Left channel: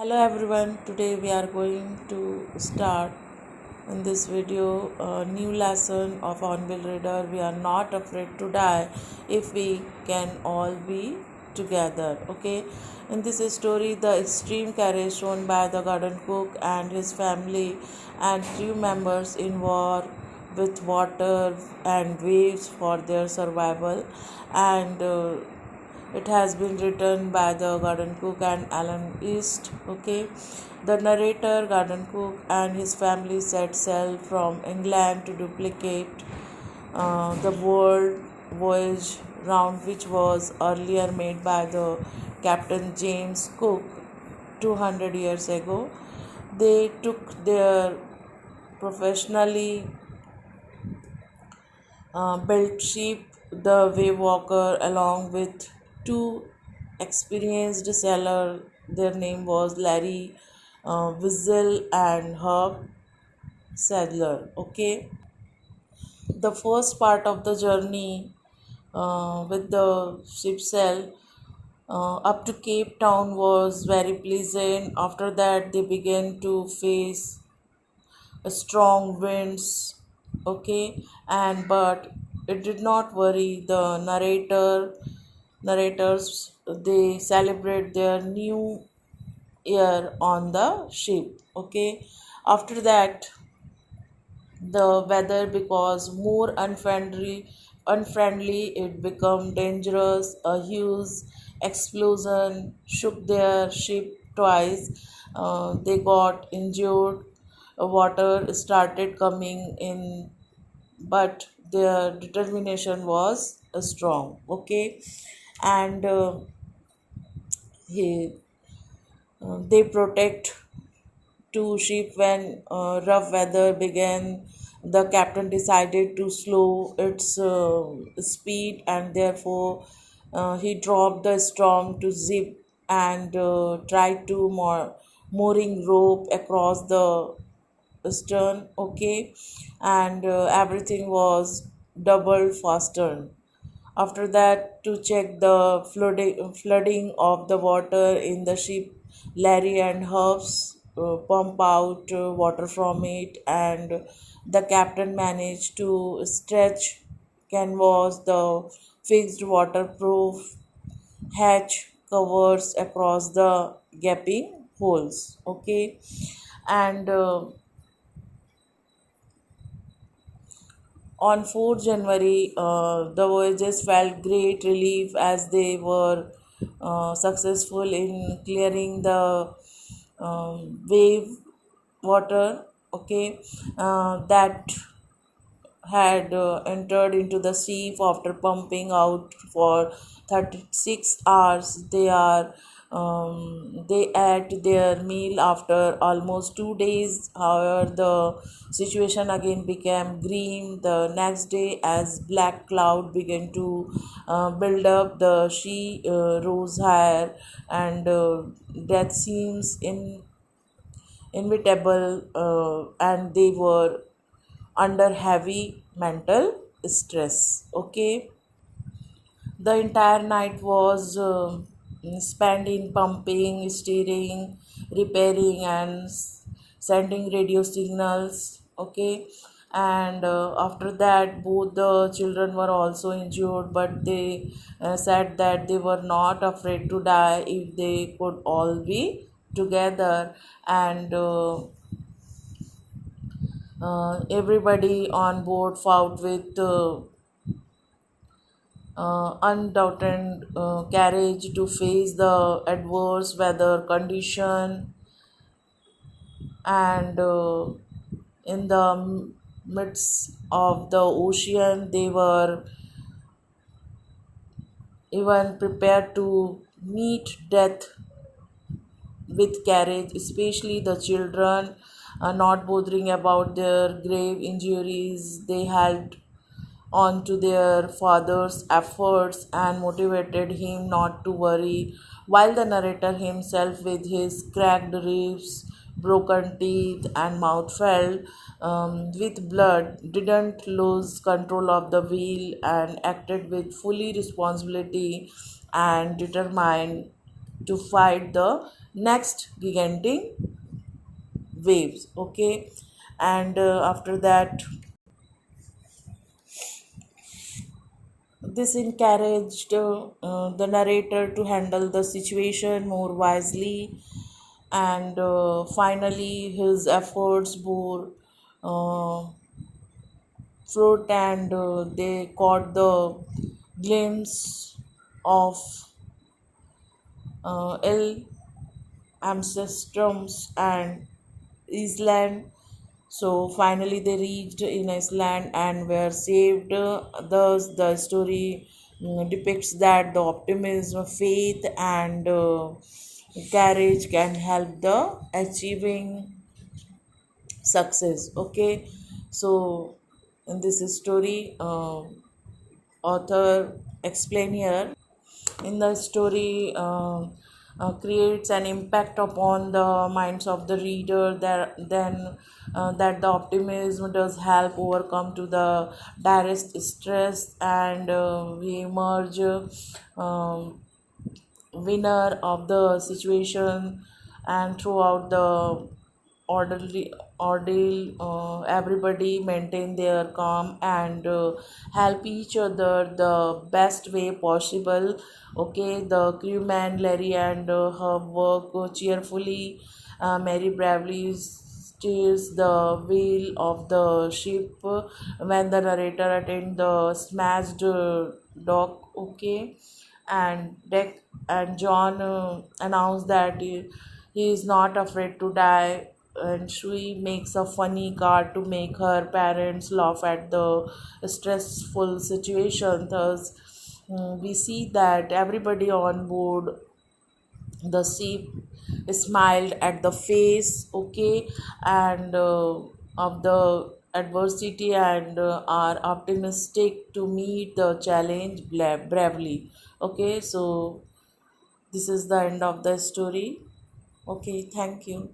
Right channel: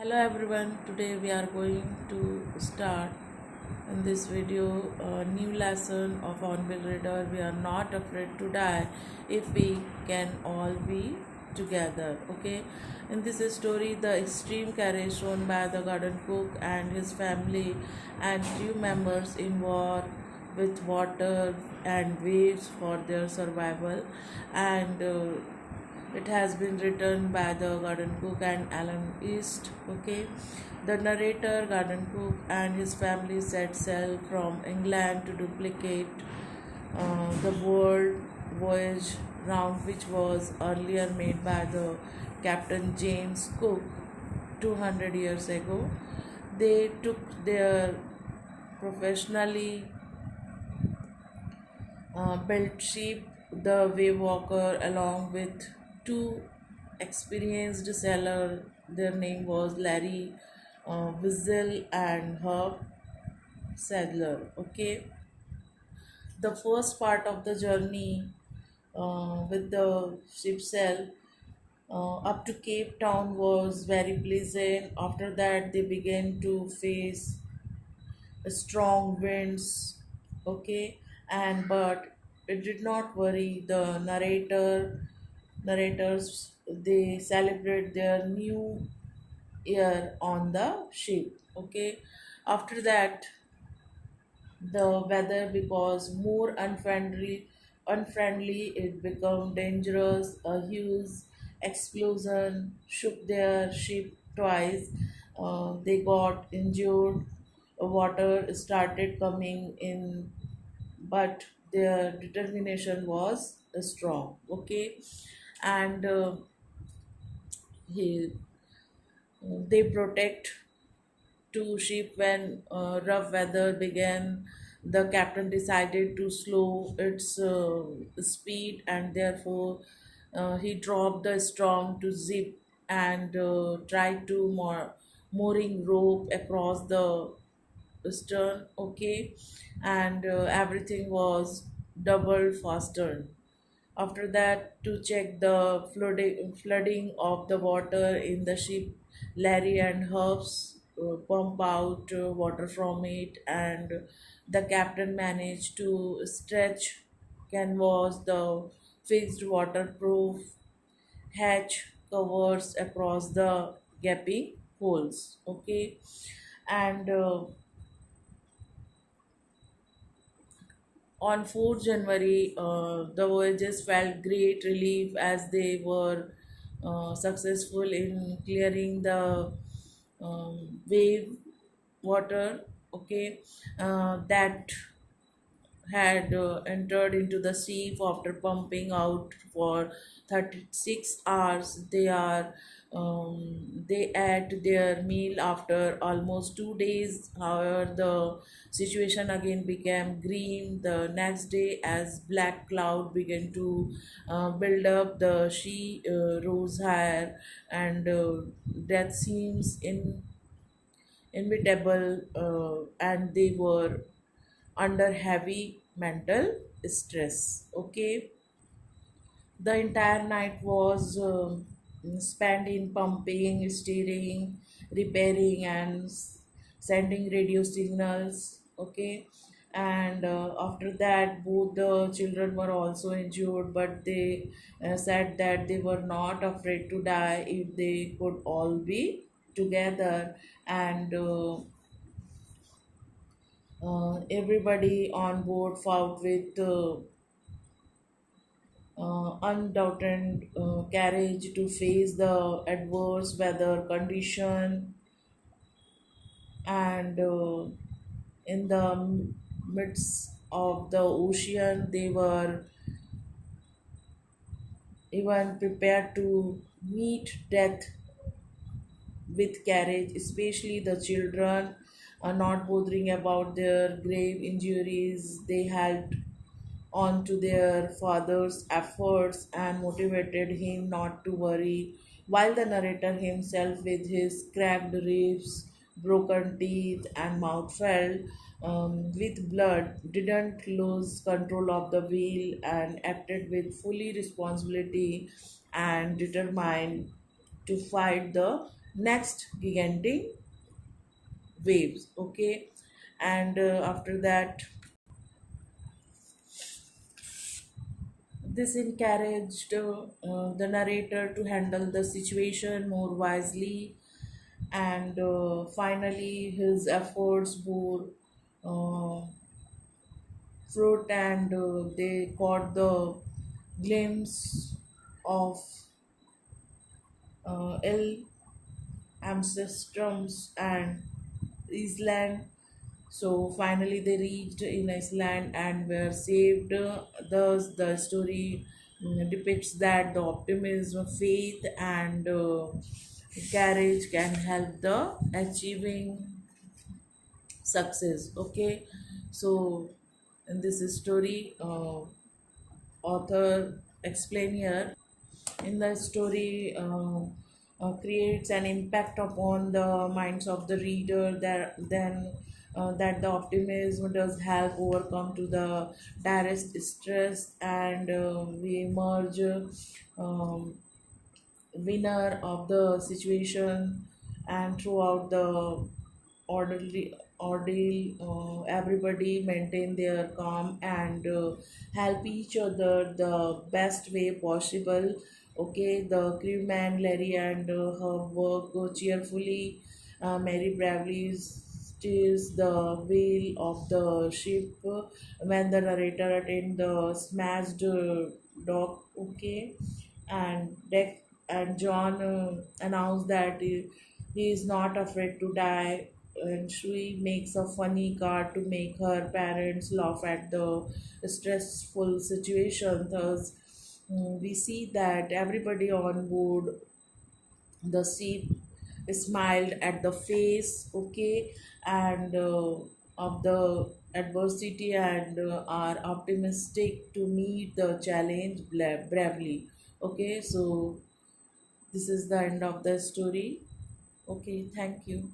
Hello everyone, today we are going to start in this video a new lesson of Hornbill Reader. We are not afraid to die if we can all be together. Okay, in this story, the extreme courage shown by the garden cook and his family and crew members in war with water and waves for their survival and it has been written by the garden cook and Alan East. Okay, the narrator, garden cook, and his family set sail from England to duplicate the world voyage round, which was earlier made by the Captain James Cook 200 years ago. They took their professionally built ship, the wave walker, along with two experienced sailors. Their name was Larry Wiesel and Herb Sadler. Okay, the first part of the journey with the ship sail up to Cape Town was very pleasant. After that, they began to face strong winds. Okay, and but it did not worry the narrators. They celebrate their new year on the ship. Okay, after that the weather because more unfriendly, it became dangerous. A huge explosion shook their ship twice. They got injured. Water started coming in, but their determination was strong. Okay, and he, they protect to ship when rough weather began. The captain decided to slow its speed, and therefore he dropped the storm to zip and tried to mooring rope across the stern. Okay, and everything was doubled faster. After that, to check the flooding of the water in the ship, Larry and Herbs pump out water from it, and the captain managed to stretch canvas the fixed waterproof hatch covers across the gaping holes. Okay, and on 4th January, the voyagers felt great relief as they were successful in clearing the wave water. Okay, that had entered into the sea after pumping out for 36 hours. They ate their meal after almost 2 days. However, the situation again became grim the next day as black cloud began to build up. The sea rose higher, and death seems inevitable, and they were under heavy mental stress. Okay, the entire night was spent in pumping, steering, repairing, and sending radio signals. Okay, and after that, both the children were also injured, but they said that they were not afraid to die if they could all be together, and everybody on board fought with undoubted courage to face the adverse weather condition, and in the midst of the ocean they were even prepared to meet death with courage, especially the children, not bothering about their grave injuries. They held on to their father's efforts and motivated him not to worry, while the narrator himself, with his cracked ribs, broken teeth, and mouth filled with blood, didn't lose control of the wheel and acted with fully responsibility and determined to fight the next gigantic waves. Okay, and after that, this encouraged the narrator to handle the situation more wisely, and finally his efforts bore uh, fruit, and they caught the glimpse of ill ancestors and Island. So finally, they reached in Iceland and were saved. Thus, the story depicts that the optimism, faith, and courage can help the achieving success. Okay, so in this story, author explain here in the story creates an impact upon the minds of the reader, that then that the optimism does help overcome to the direst stress, and we emerge winner of the situation. And throughout the orderly ordeal, everybody maintain their calm and help each other the best way possible. Okay, the crewman Larry and her work cheerfully. Mary bravely steers the wheel of the ship when the narrator attend the smashed dock. Okay, and Deck and John announced that he is not afraid to die, and she makes a funny card to make her parents laugh at the stressful situation. Thus, we see that everybody on board the ship smiled at the face. Okay, and of the adversity, and are optimistic to meet the challenge bravely. Okay, so this is the end of the story. Okay, thank you.